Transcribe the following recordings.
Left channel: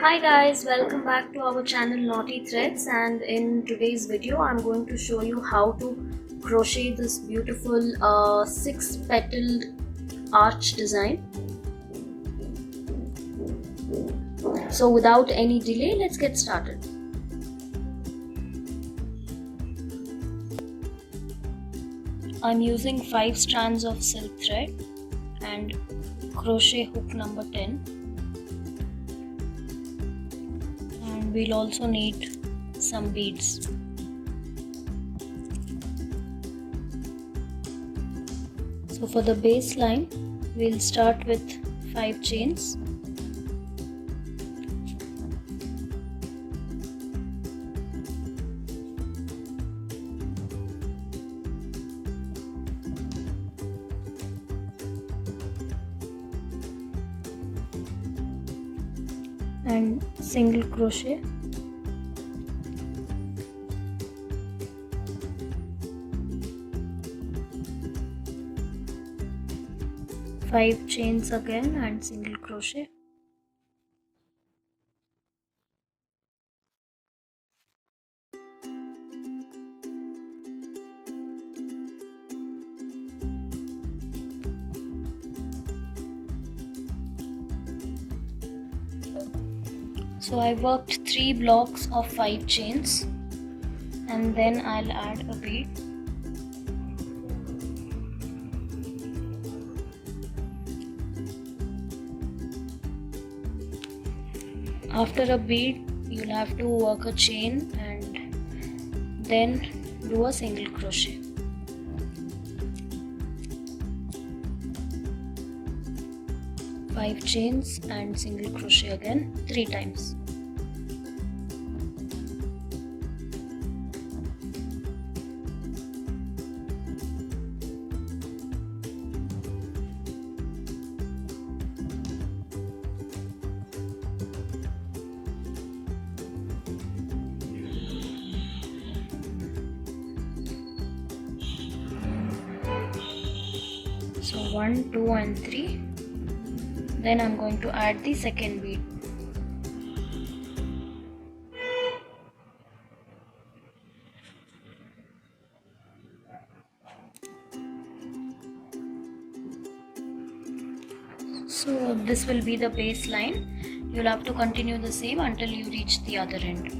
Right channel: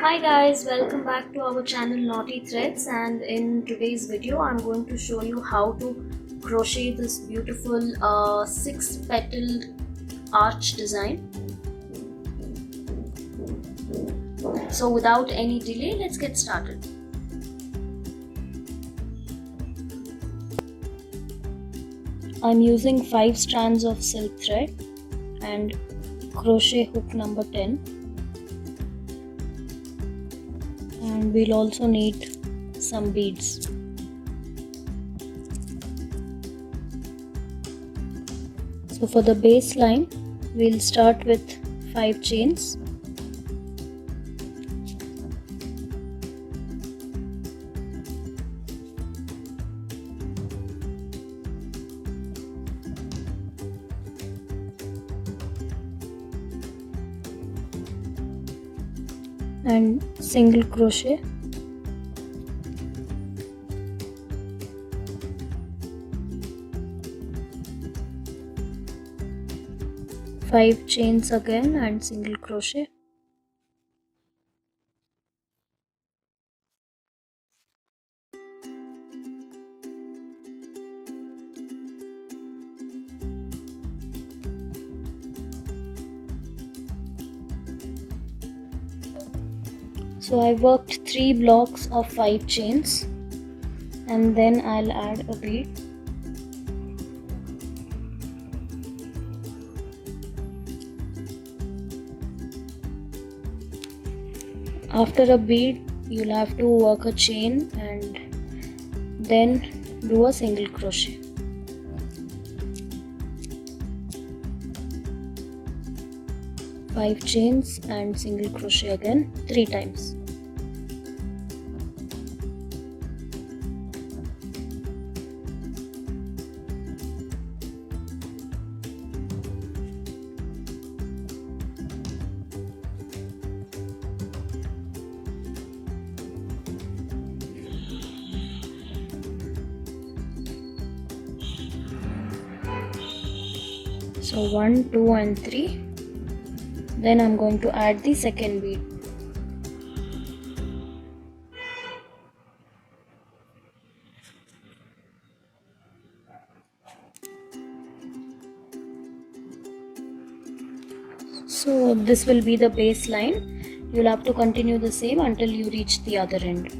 Hi guys, welcome back to our channel Naughty Threads, and in today's video I'm going to show you how to crochet this beautiful 6-petaled arch design. So without any delay, let's get started. I'm using 5 strands of silk thread and crochet hook number 10. And we'll also need some beads. So for the baseline, we'll start with 5 chains. And single crochet. Five chains again and single crochet. So I worked 3 blocks of 5 chains and then I'll add a bead. After a bead, you'll have to work a chain and then do a single crochet. Five chains and single crochet again 3 times. So 1, 2 and 3. Then I'm going to add the second bead. So this will be the baseline. You'll have to continue the same until you reach the other end.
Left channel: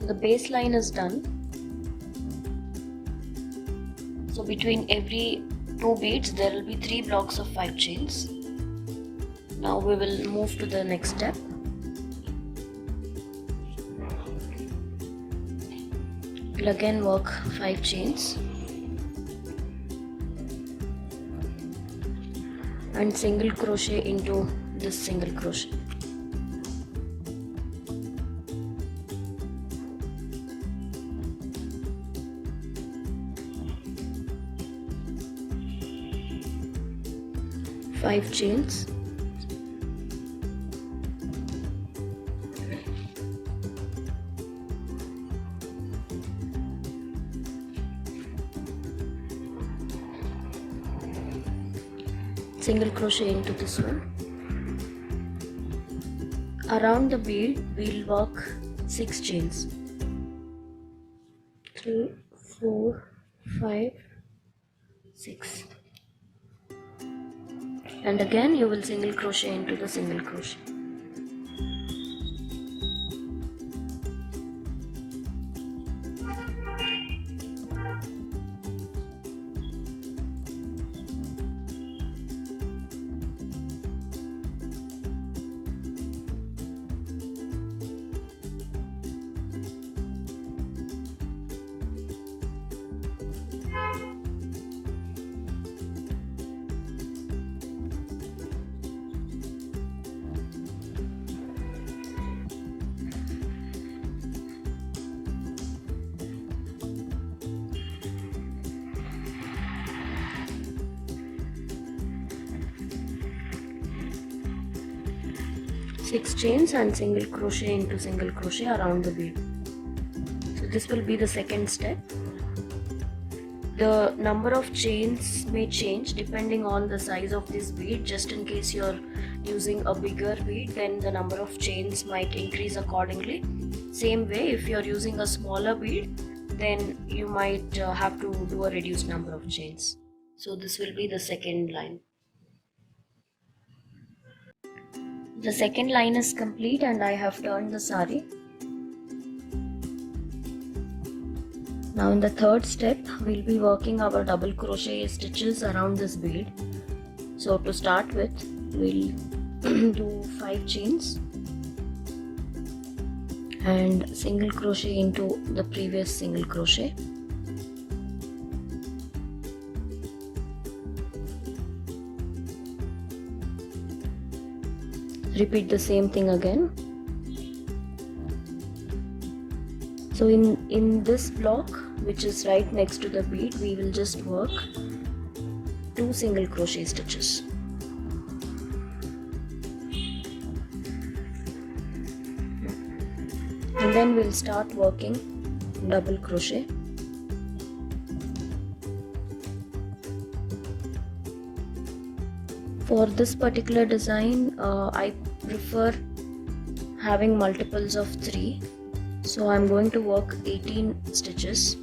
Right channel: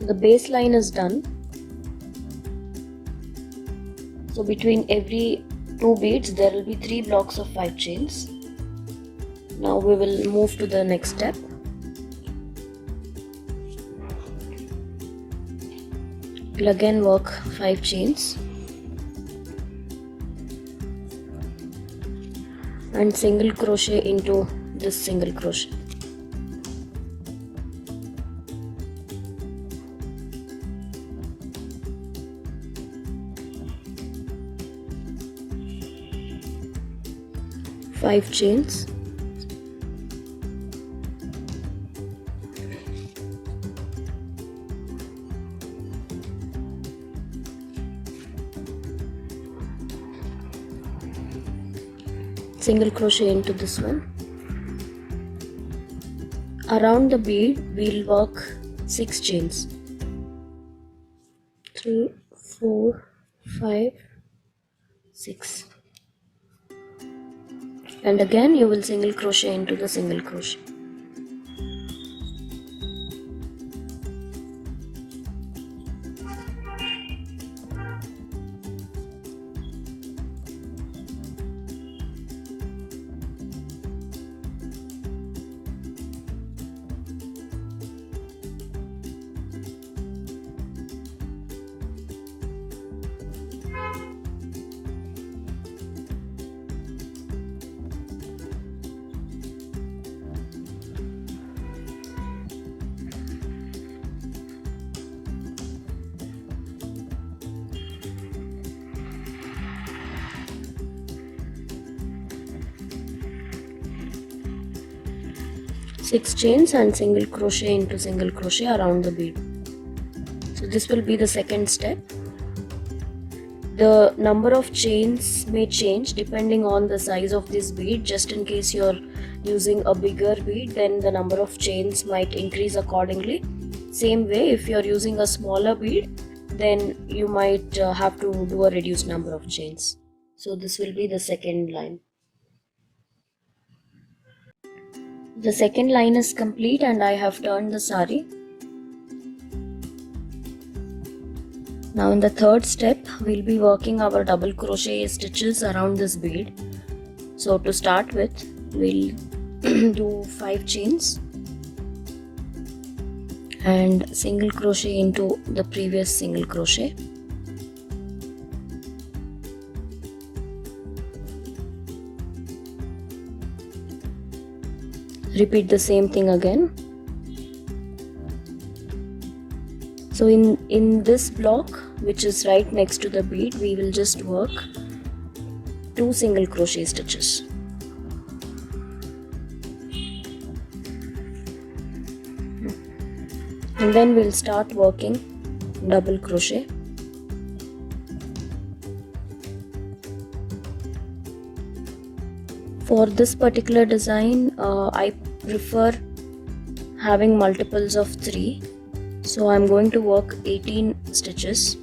The baseline is done. So between every 2 beads there will be 3 blocks of 5 chains. Now we will move to the next step. We'll again work 5 chains and single crochet into this single crochet. Five chains, single crochet into this one. Around the bead we'll work 6 chains. 3, 4, 5, 6. And again you will single crochet into the single crochet. Six chains and single crochet into single crochet around the bead. So this will be the second step. The number of chains may change depending on the size of this bead. Just in case your using a bigger bead, then the number of chains might increase accordingly. Same way, if you're using a smaller bead, then you might have to do a reduced number of chains. So this will be the second line. The second line is complete and I have turned the saree. Now in the third step, we'll be working our double crochet stitches around this bead. So to start with, we'll do 5 chains and single crochet into the previous single crochet. Repeat the same thing again. So in this block, which is right next to the bead, we will just work 2 single crochet stitches. And then we'll start working double crochet. For this particular design, I prefer having multiples of 3. So I'm going to work 18 stitches.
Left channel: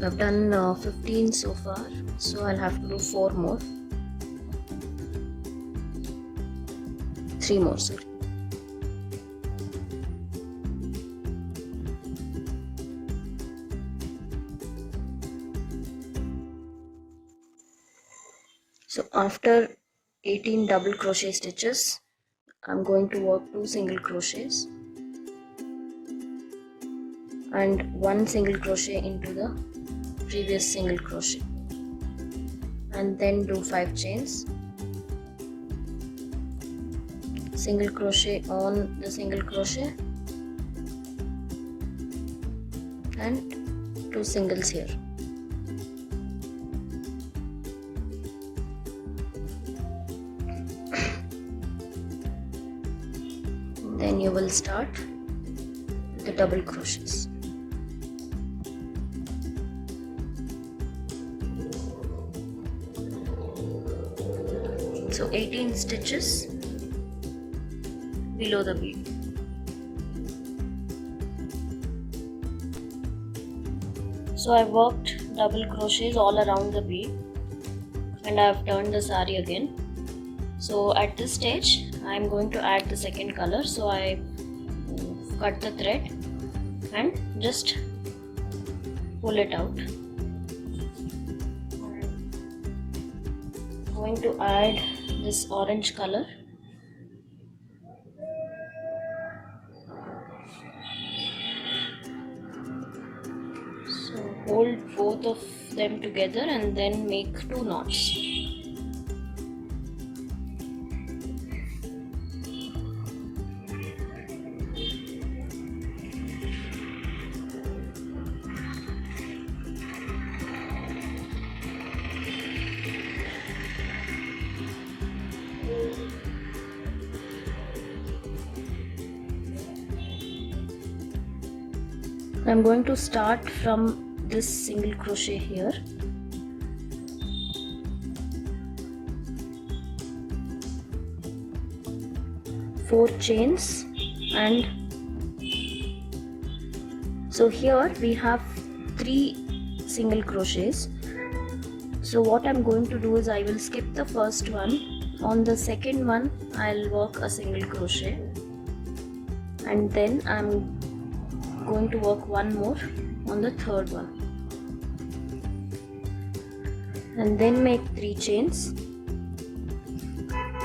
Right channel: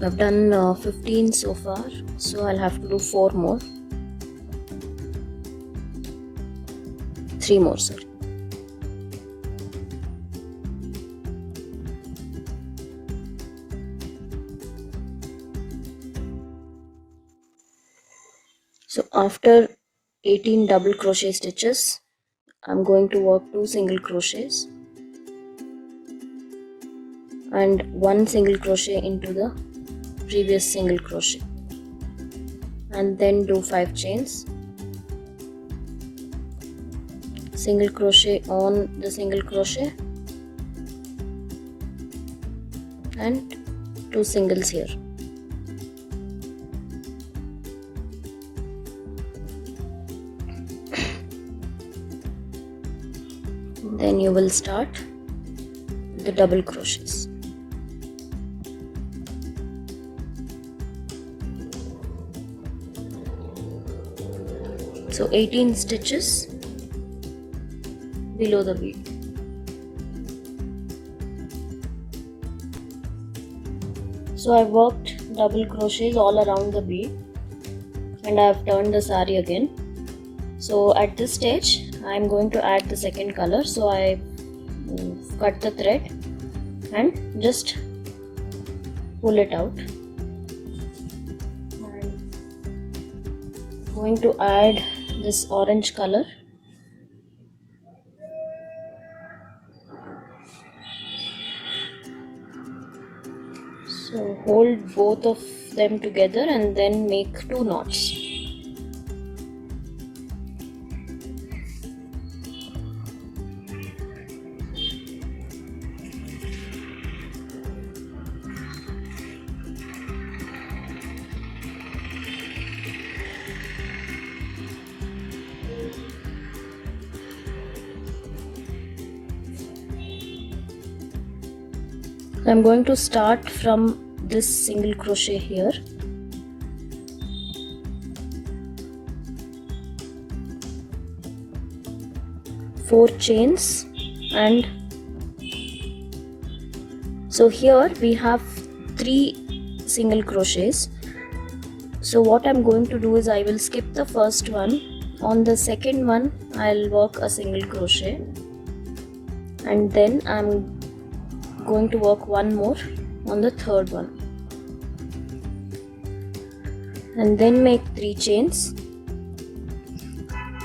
I've done 15 so far, so I'll have to do 4 more. 3 more, sorry. So after 18 double crochet stitches, I'm going to work 2 single crochets and 1 single crochet into the previous single crochet, and then do 5 chains, single crochet on the single crochet and 2 singles here. Then you will start the double crochets. So 18 stitches below the bead. So I worked double crochets all around the bead and I have turned the saree again. So at this stage I am going to add the second color. So I cut the thread and just pull it out. I'm going to add this orange color. So hold both of them together and then make 2 knots. I'm going to start from this single crochet here. Four chains, and so here we have 3 single crochets. So what I'm going to do is I will skip the first one. On the second one I'll work a single crochet, and then I'm going to work one more on the third one, and then make 3 chains.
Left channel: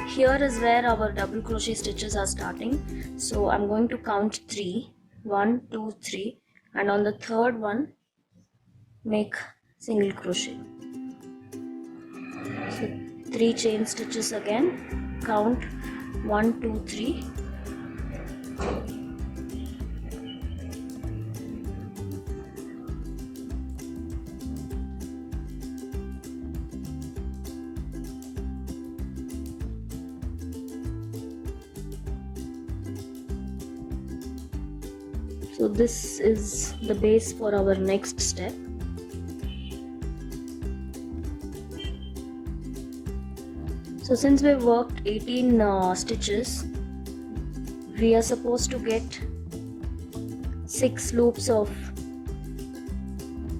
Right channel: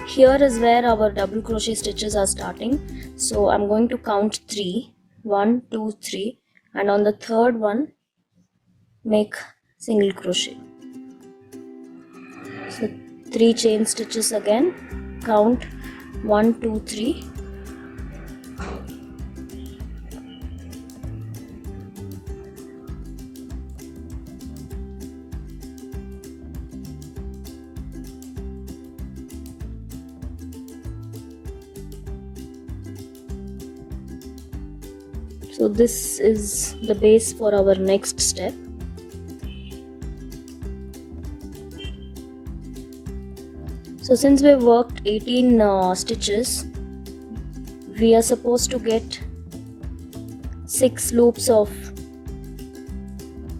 Here is where our double crochet stitches are starting, so I'm going to count 3, 1, 2, 3, and on the third one make single crochet. So 3 chain stitches again, count 1, 2, 3, so this is the base for our next step. So since we've worked 18 stitches, we are supposed to get 6 loops of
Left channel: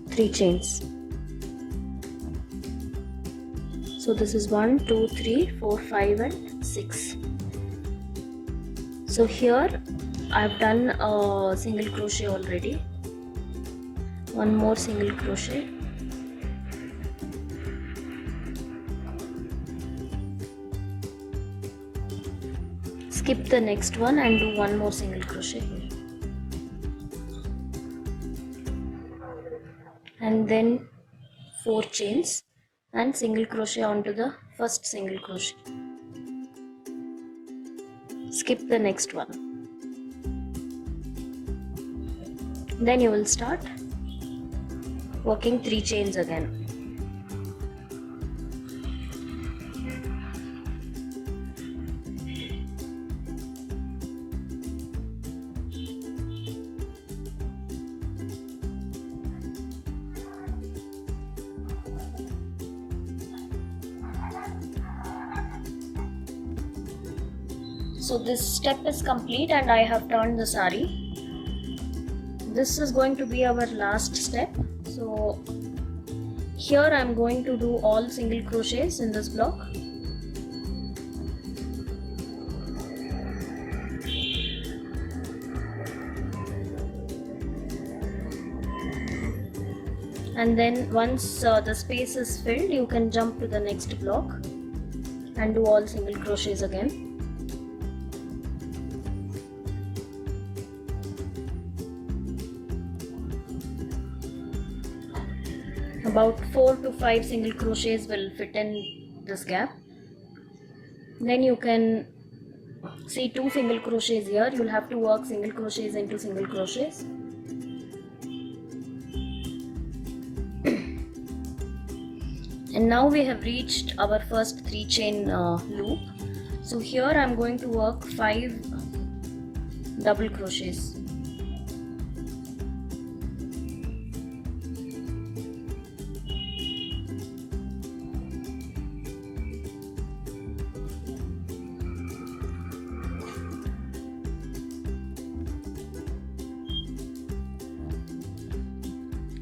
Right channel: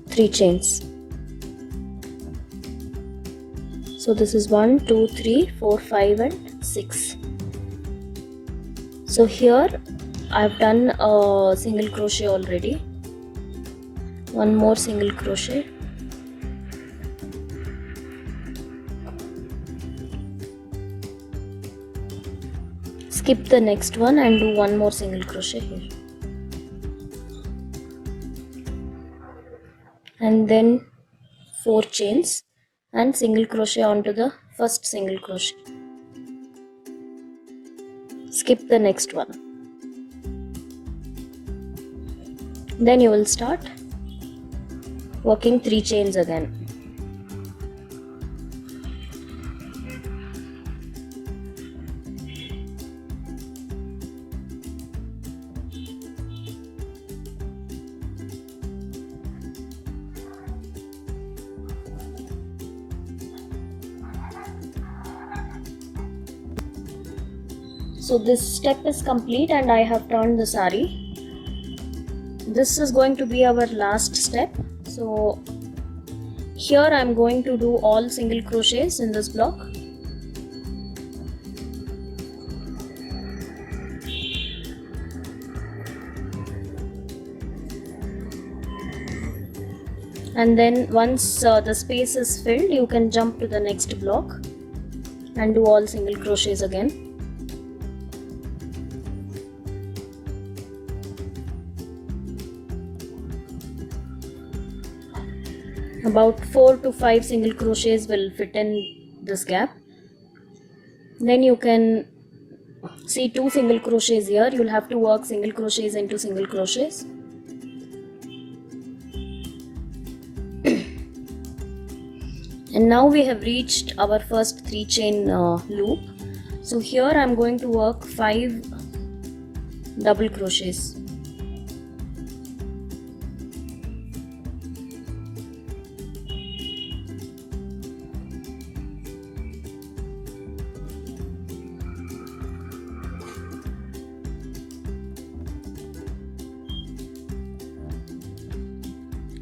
3 chains. So this is 1, 2, 3, 4, 5 and 6. So here I've done a single crochet already. One more single crochet. Skip the next one and do one more single crochet here. And then 4 chains and single crochet onto the first single crochet. Skip the next one. Then you will start working 3 chains again. So this step is complete and I have turned the saree. This is going to be our last step. So here I am going to do all single crochets in this block. And then once the space is filled, you can jump to the next block and do all single crochets again. About 4 to 5 single crochets will fit in this gap. Then you can see 2 single crochets here. You'll have to work single crochets into single crochets. And now we have reached our first 3 chain loop. So here I am going to work 5 double crochets.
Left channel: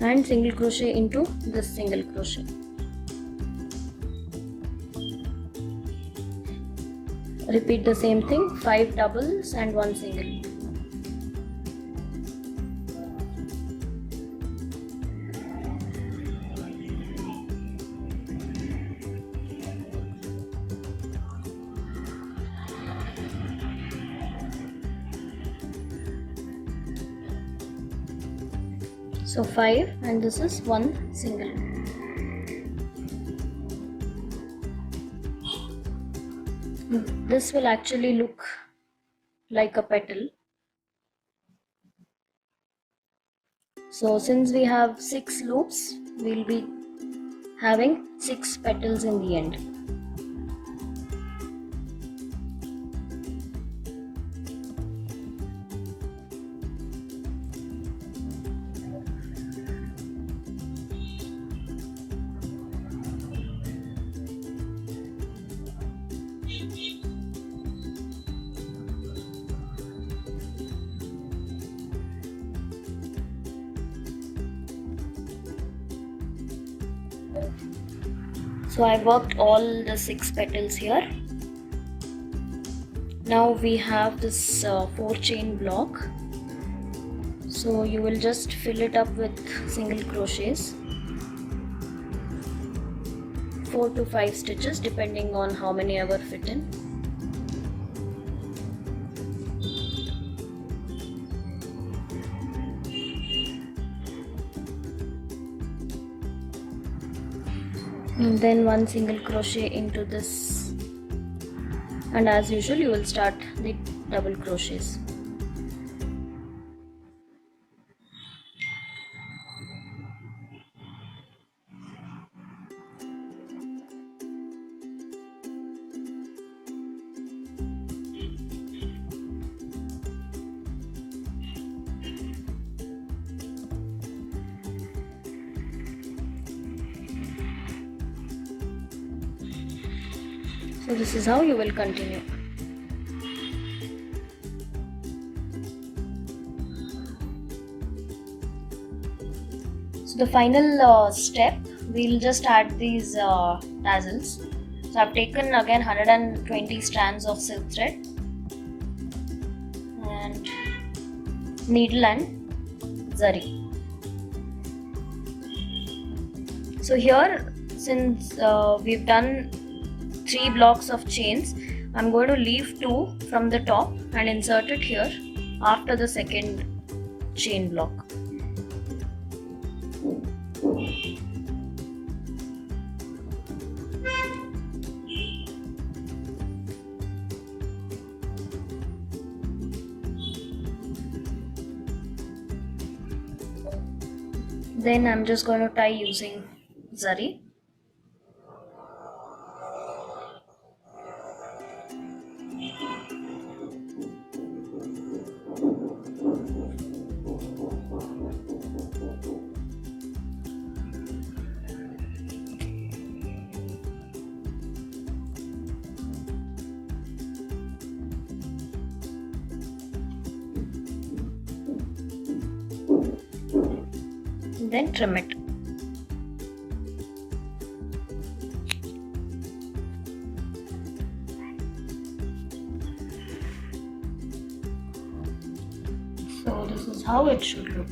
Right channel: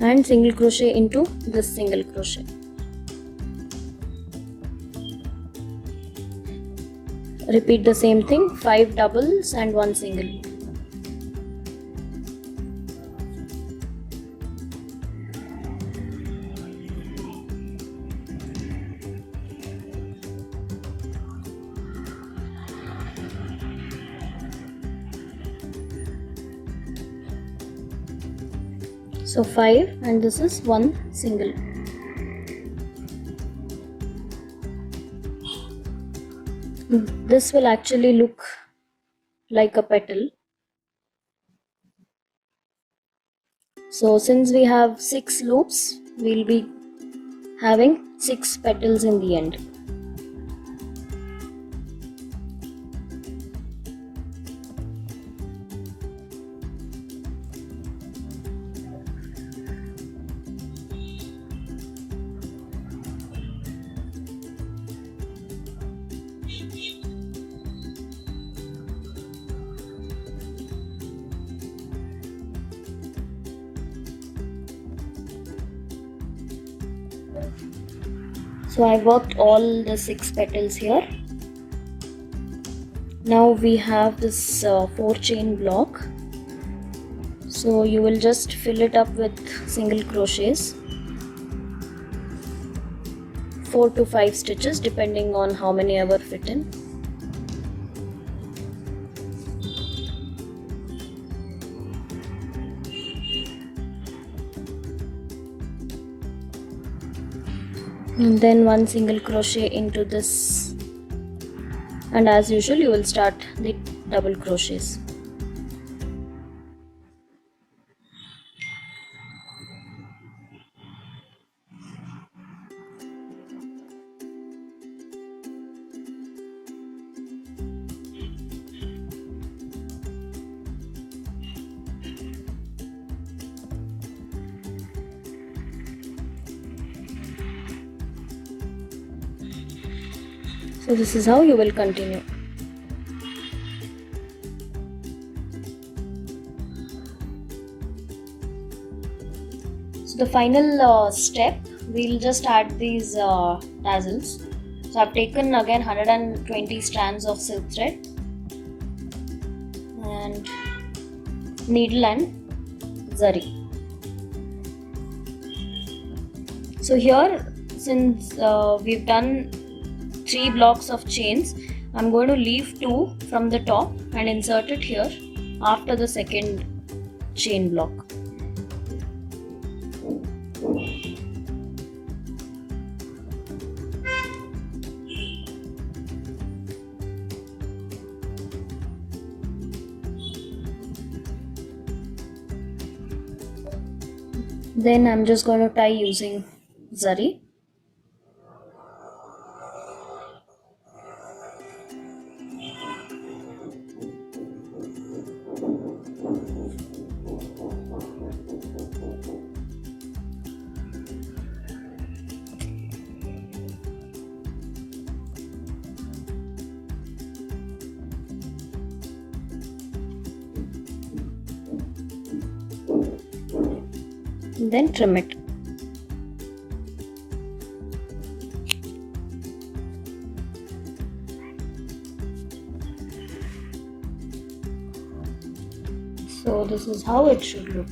And single crochet into this single crochet. Repeat the same thing, 5 doubles and 1 single. So 5 and this is 1 single. This will actually look like a petal. So since we have 6 loops, we'll be having 6 petals in the end. So I worked all the 6 petals here. Now we have this 4 chain block. So you will just fill it up with single crochets, 4 to 5 stitches depending on how many ever fit in. And then 1 single crochet into this, and as usual you will start the double crochets. So this is how you will continue. So the final step, we'll just add these tassels. So I've taken again 120 strands of silk thread and needle and zari. So here, since we've done 3 blocks of chains, I'm going to leave 2 from the top and insert it here after the second chain block. Then I'm just going to tie using zari. Then trim it. So this is how it should look.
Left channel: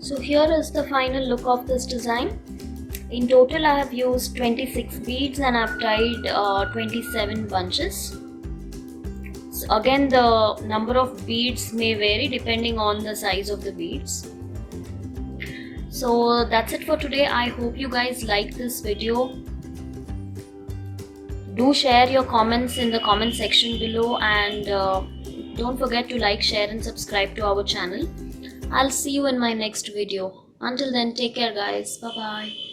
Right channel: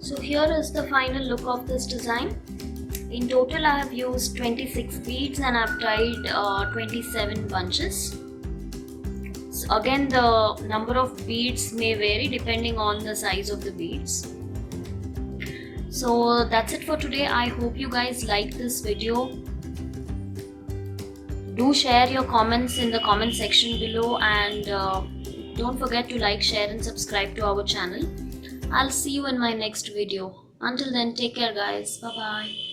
So here is the final look of this design. In total I have used 26 beads and I've tied 27 bunches. So again, the number of beads may vary depending on the size of the beads. So that's it for today. I hope you guys liked this video. Do share your comments in the comment section below, and don't forget to like, share and subscribe to our channel. I'll see you in my next video. Until then, take care guys. Bye bye.